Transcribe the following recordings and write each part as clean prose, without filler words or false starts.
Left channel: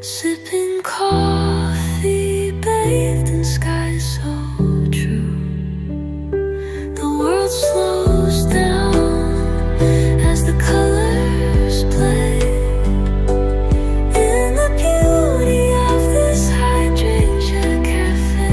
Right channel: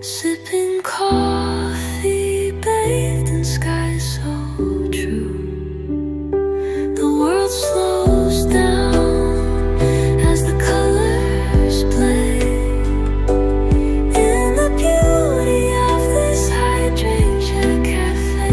Sipping coffee, bathed in sky so true. The world slows down as the colors play in the beauty of this hydrangea cafe.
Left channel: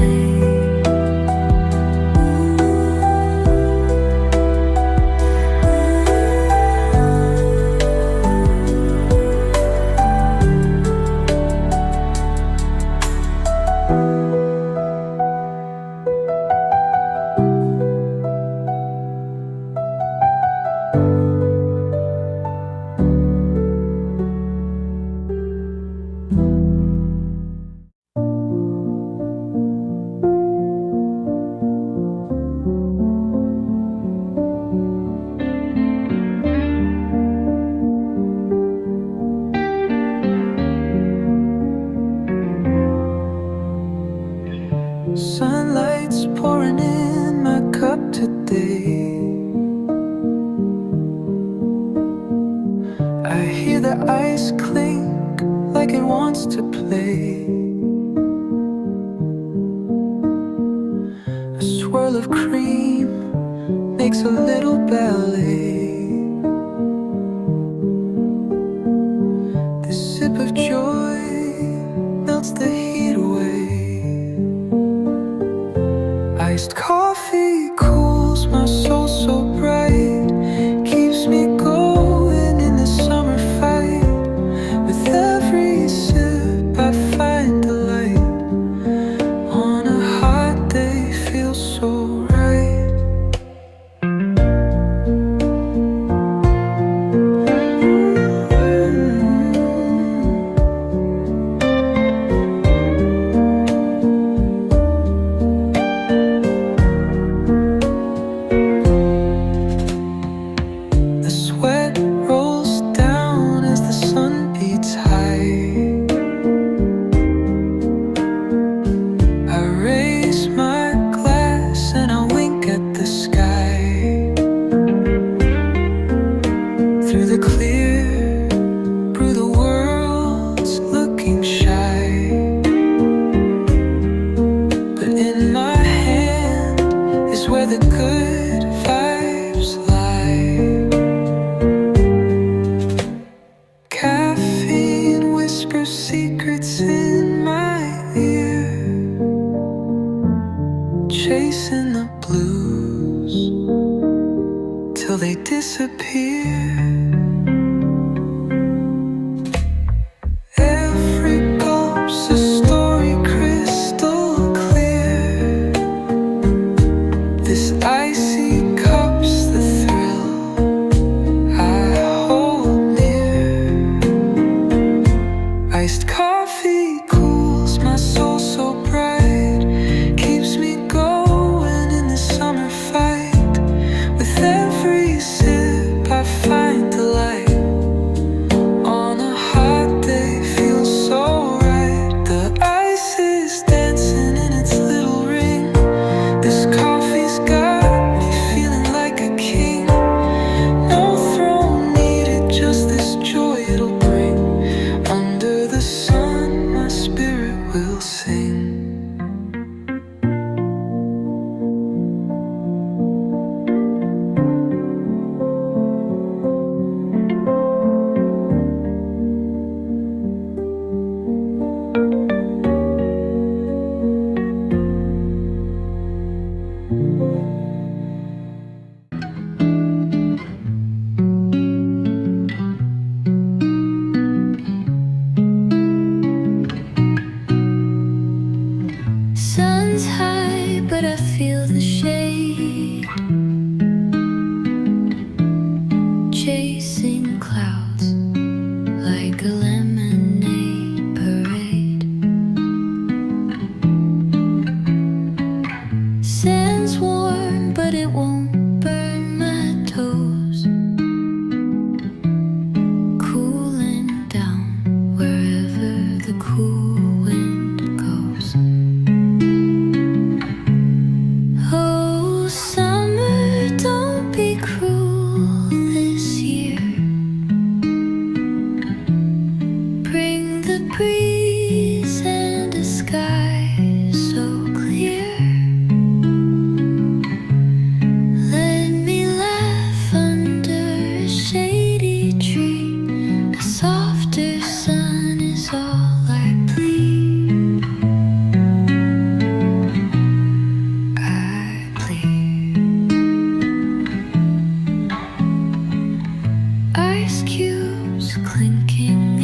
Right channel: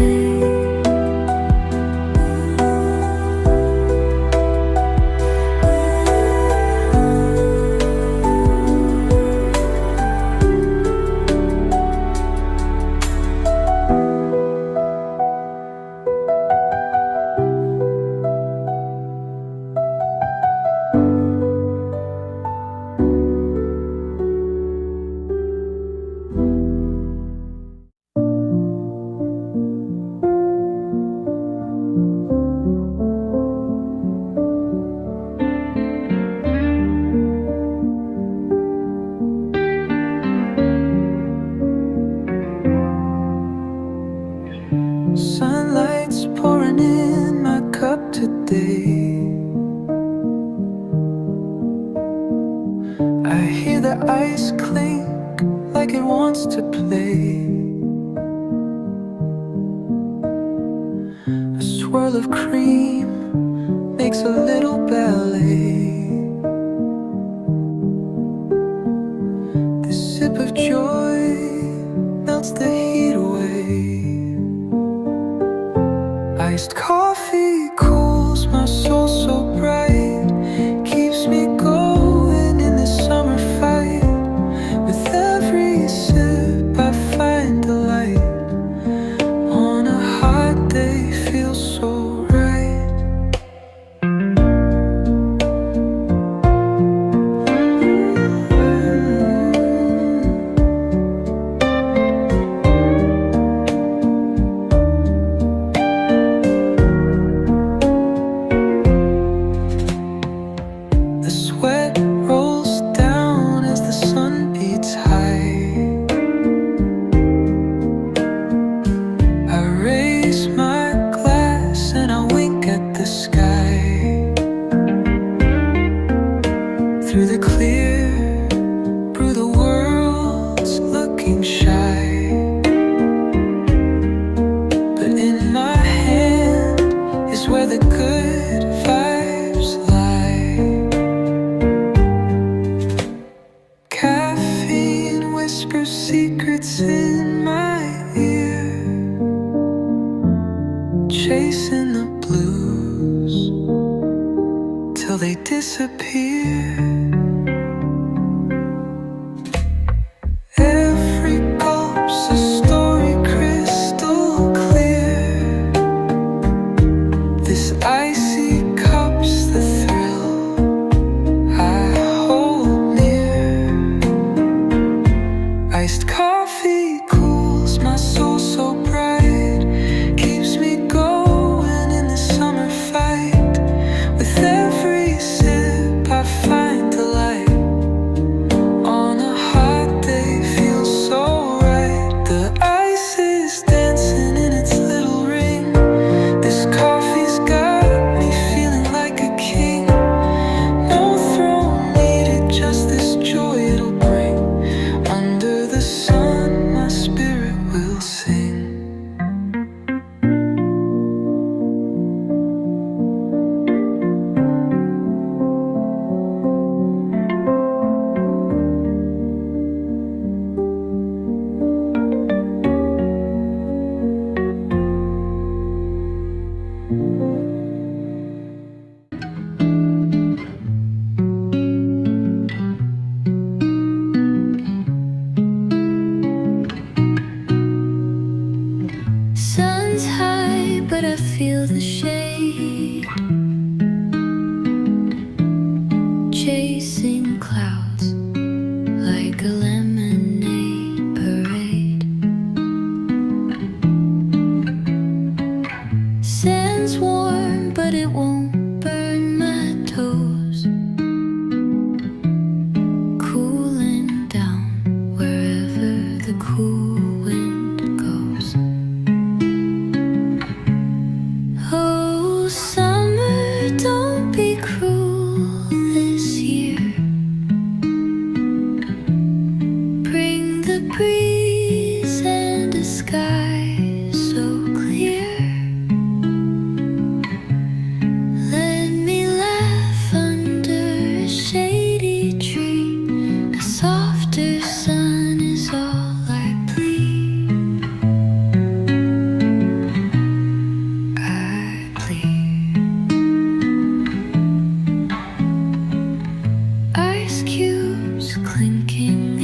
Sunlight's pouring in my cup today. I hear the ice clink like it wants to play. A swirl of cream makes a little ballet. This sip of joy melts the heat away. Iced coffee cools my soul so bright, keeps me going in this summer fight. With every sip I find delight. On a hot day feels so right. The sweat rolls down as the sun beats high. I raise my glass and I wink at the sky. Through the clear, through the world's looking shy. But in my hand is where the good vibes lie. Caffeine whispers secrets in my ear, chasing the blues till they disappear. Every gulp's a story crystal clear. This icy cup's the thrill I hold near. Iced coffee cools my soul so bright, keeps me going in the summer fight. With every sip I find delight. On a hot day feels so right. The ice is dancing in its little ring. This coffee's got me feeling like a king. No throne needed, just this joy it'll bring. Under the sun my spirit will sing. Sun's high, but I feel the shade, chasing clouds like a lemonade parade. Sand's warm, but it won't burn my toes. Cooling down wherever the cool wind goes. Oh, clinking